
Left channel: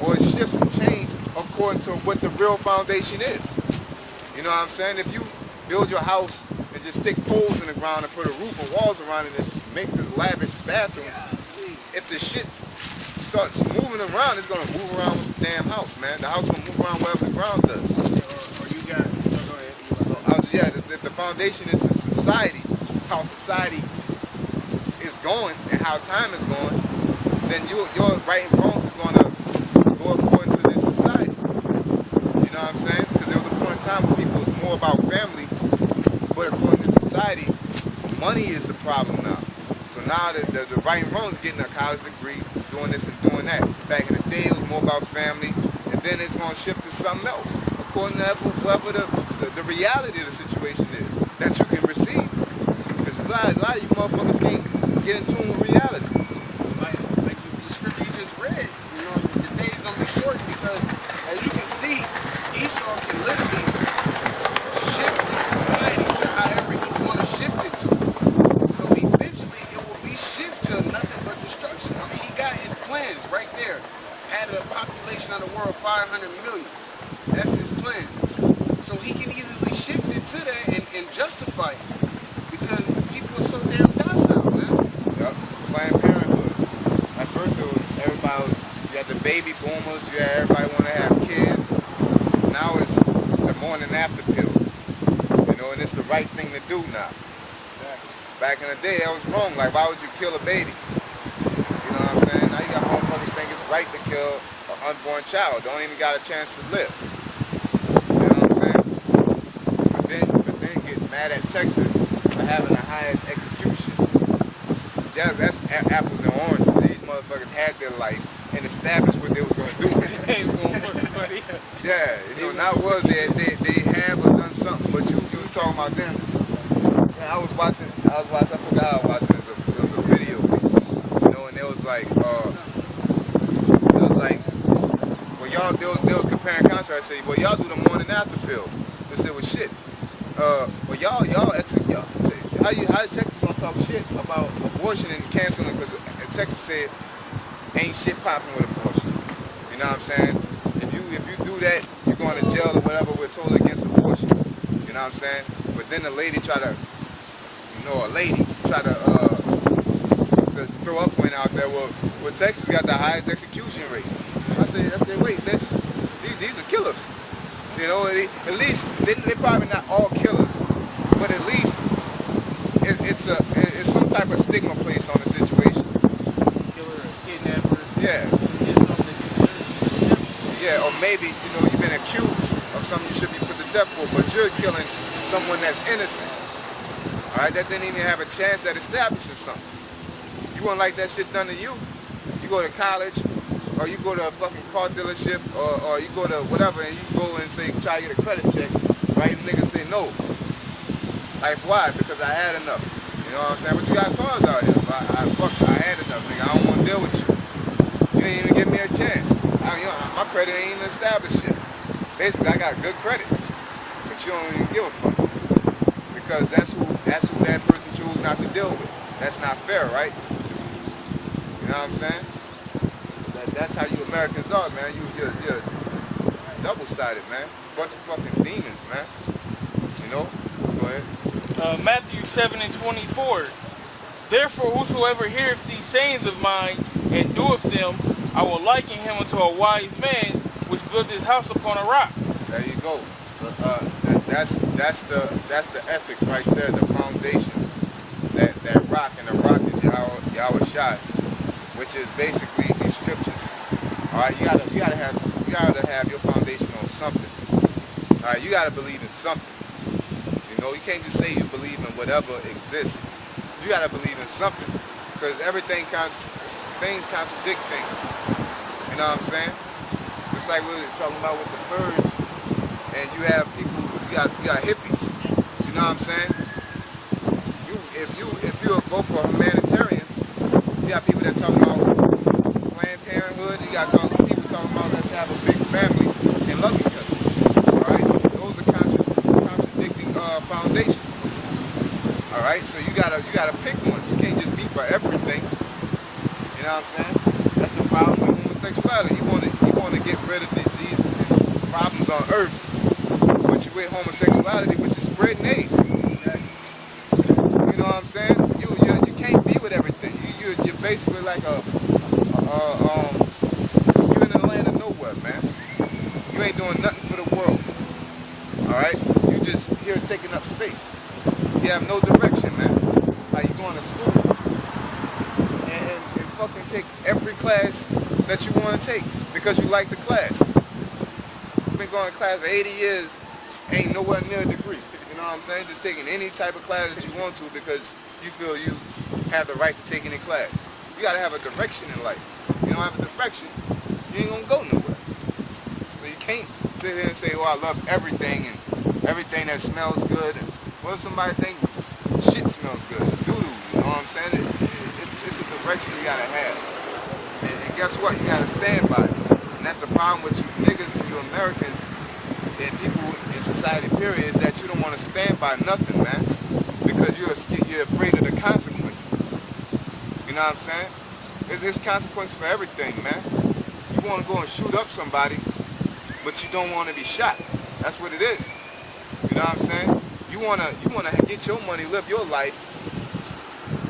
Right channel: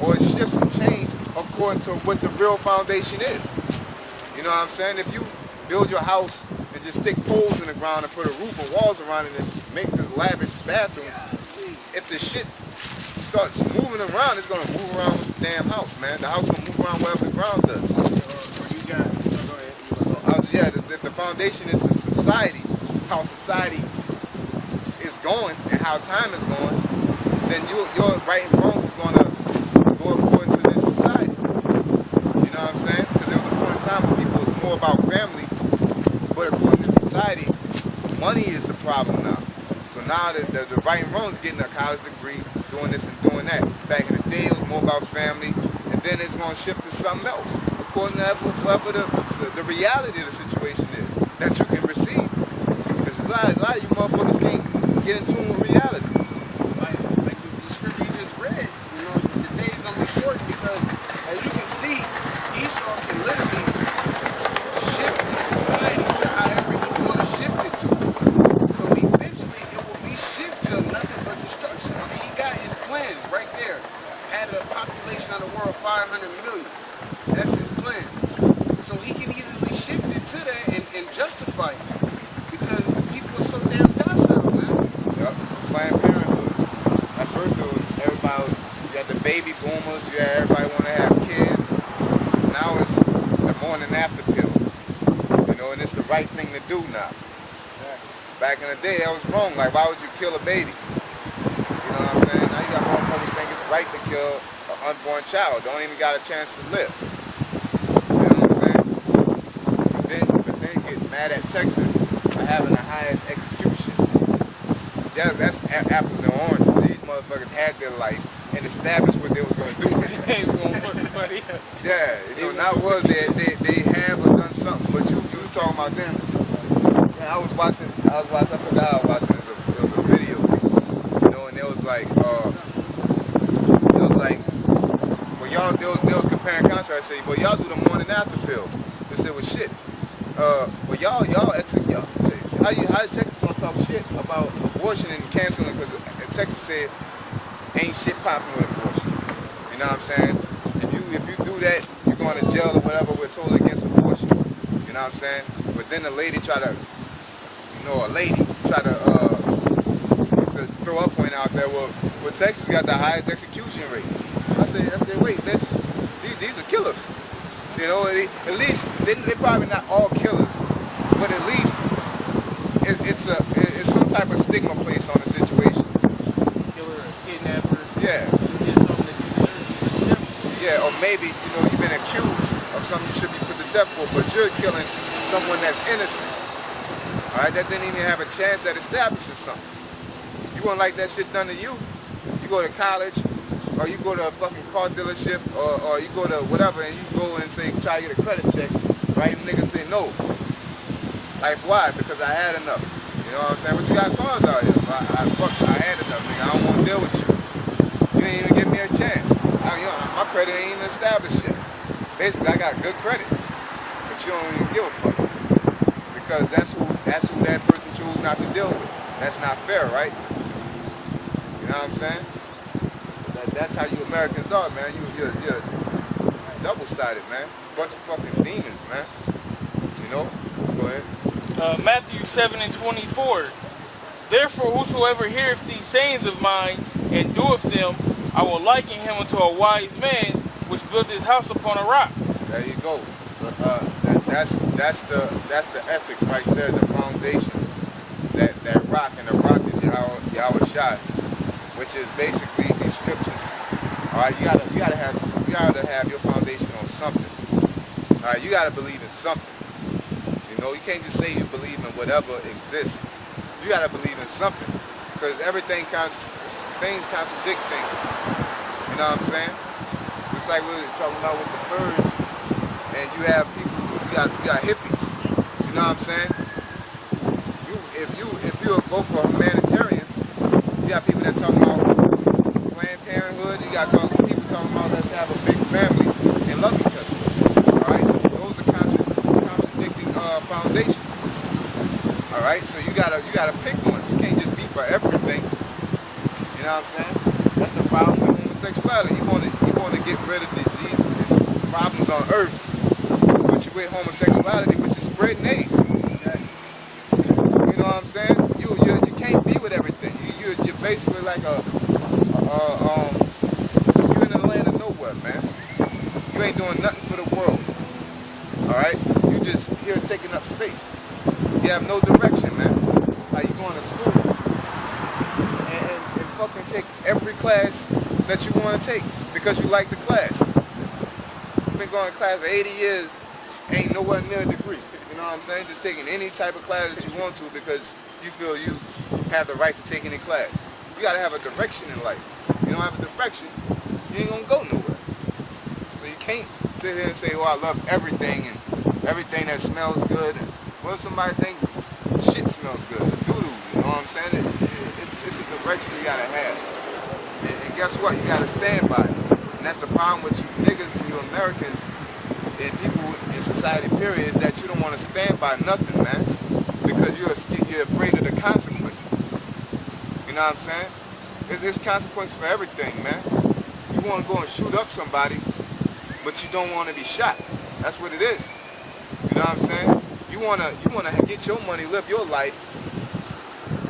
Or it shifts and change according to what the real foundation is. You know what I'm saying? If you build your house and just stick poles in the ground and put a roof and walls around it and make this lavish bathroom, if the shit starts moving around, it's gonna move around with the damn house, man. The house gonna move around wherever the ground does. Or you got, go ahead. If the foundation is the society, how society is going and how time is going, then your right and wrongs is gonna go according to this society. You know what I'm saying? Because there was a point in time where people was more about family, but according to society, money is the problem now. So now the right and wrong is getting a college degree, doing this and doing that. Back in the day, it was more about family, and then it's going to shift to something else, according to whatever the reality of the situation is that you can receive. Because a lot of you motherfuckers can't get in tune with reality. Like the scripture you just read, you know, the day's gonna be shortened because, as you can see, Esau can literally shift the society to however he want to shift it to. So eventually, it will be shift to nothing but destruction. I mean, he got his plans right there. Had a population of the world 500 million. That's his plan. So he can easily shift it to that and justify it because people are so damn docile, man. Yep, Planned Parenthood. At first it was, you had the baby boomers, you had everybody want to have kids. Now it's the morning after pill. You know, and it's the right thing to do now. Exactly. Back in the day, that was wrong. Like, why would you kill a baby? You know what I'm saying? Now you got motherfuckers think it's right to kill an unborn child. Don't even got a chance to live. You know what I'm saying? But then get mad at Texas for having the highest execution. Yeah, that's apples and oranges. These motherfuckers had their life and established what they was gonna do with it. Hey, we're gonna fuck somebody up. Yeah, you know, not was they have or done something, but you talking about them. Yeah, I forgot I was watching. It was a video, you know, and it was like, well, y'all, they was comparing contrast. Say, well, y'all do the morning after pill. They said, well, shit. Well, y'all, how Texas gonna talk shit about abortion and canceling? Because Texas said ain't shit popping with abortion. You know what I'm saying? If you do that, you're going to jail or whatever. We're totally against abortion. You know what I'm saying? But then the lady tried to throw her point out there. Well, Texas got the highest execution rate. I said, wait, bitch, these are killers. You know, at least they probably not all killers, but at least it's some type of stigma placed on the situation. Killer, kidnapper. Yeah. Yeah, or maybe, you know, you've been accused of something you should be put to death for, but you're killing someone that's innocent. All right, that didn't even have a chance at establishing something. You wouldn't like that shit done to you. You go to college, or you go to a fucking car dealership, or you go to whatever, and you go and say, try to get a credit check, right? And niggas say no. Like, why? Because I had enough. You know what I'm saying? But you got cars out here. I had enough, nigga. I don't want to deal with you. You ain't even give me a chance. My credit ain't even established yet. Basically, I got good credit, but you don't even give a fuck. Because that's who that person chose not to deal with. That's not fair, right? You know what I'm saying? That's how you Americans are, man. You're double-sided, man. Bunch of fucking demons, man. You know? Go ahead. Matthew 7:24. Therefore, whosoever heareth these sayings of mine and doeth them, I will liken him unto a wise man which built his house upon a rock. There you go. That's the ethics right there, the foundation. That rock, and the rock is Yahweh Shai, which is basically these scriptures. All right, you gotta have your foundation on something. All right, you gotta believe in something. You know, you can't just say you believe in whatever exists. You gotta believe in something, because things contradict things. You know what I'm saying? It's like we were talking about with the purge, and you have people, you got hippies. You know what I'm saying? If you go for humanitarians, you got people that talking about Planned Parenthood. You got people talking about let's have a big family and love each other. All right, those are contradicting foundations. All right, so you gotta pick one. You can't just be for everything. You know what I'm saying? That's the problem with homosexuality. You want to get rid of diseases and problems on earth, but you with homosexuality, which is spreading AIDS. You know what I'm saying? You can't be with everything. You're basically like you're in the land of nowhere, man. You ain't doing nothing for the world. All right? You just here taking up space. You have no direction, man. Like you going to school and fucking take every class that you want to take because you like the class. You've been going to class for 80 years, ain't nowhere near a degree. You know what I'm saying? Just taking any type of class that you want to because you feel you have the right to take any class. You gotta have a direction in life. You don't have a direction, you ain't gonna go nowhere. So you can't sit here and say, oh, I love everything and everything that smells good. And what if somebody think shit smells good, the doo-doo, you know what I'm saying? It's a direction you gotta have. And guess what? You gotta stand by it. And that's the problem with you niggas and you Americans and people in society, period, is that you don't want to stand by nothing, man. Because you're afraid of the consequences. You know what I'm saying? There's consequences for everything, man. You want to go and shoot up somebody, but you don't want to be shot. That's what it is. You know what I'm saying? You wanna get your money, live your life,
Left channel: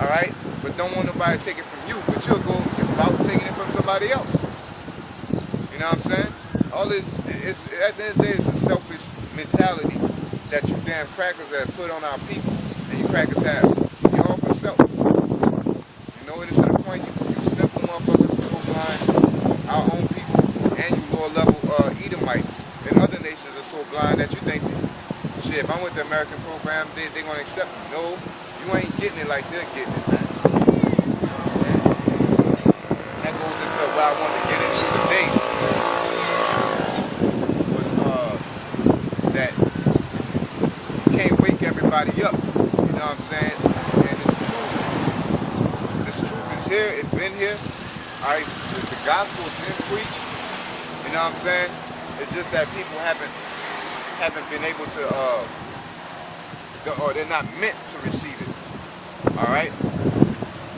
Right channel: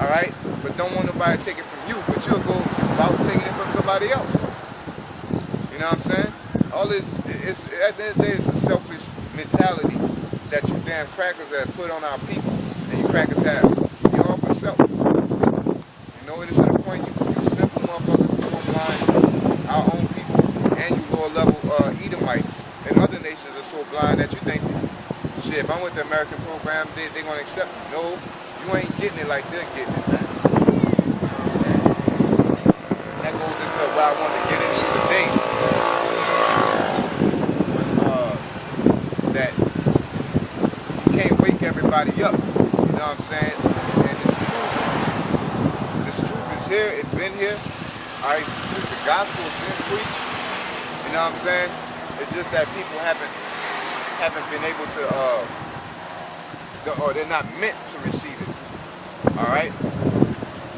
all right? But don't want nobody to take it from you. But you about taking it from somebody else. You know what I'm saying? All this, at the end of the day, it's a selfish mentality that you damn crackers have put on our people, and you crackers have. You're all for self. You know, it is to the point you simple motherfuckers are so blind. Our own people and you lower level Edomites and other nations are so blind that you think, shit, if I'm with the American program, they're gonna accept me. No, you ain't getting it like they're getting it, man. That goes into what I wanted to get into today. That you can't wake everybody up, you know what I'm saying? And this truth is here, it's been here, all right? The gospel has been preached, you know what I'm saying? It's just that people haven't been able to, or they're not meant to receive it, all right?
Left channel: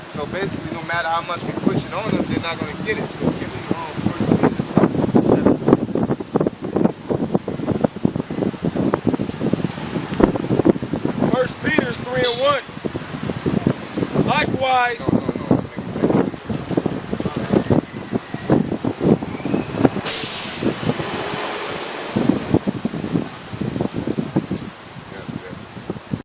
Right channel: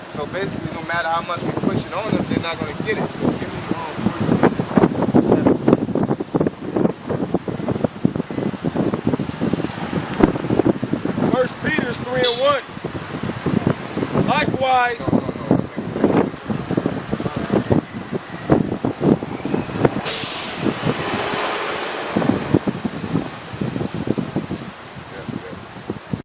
So basically, no matter how much we push it on them, they're not gonna get it. So give me First Peter. 1 Peter 3:1. Likewise,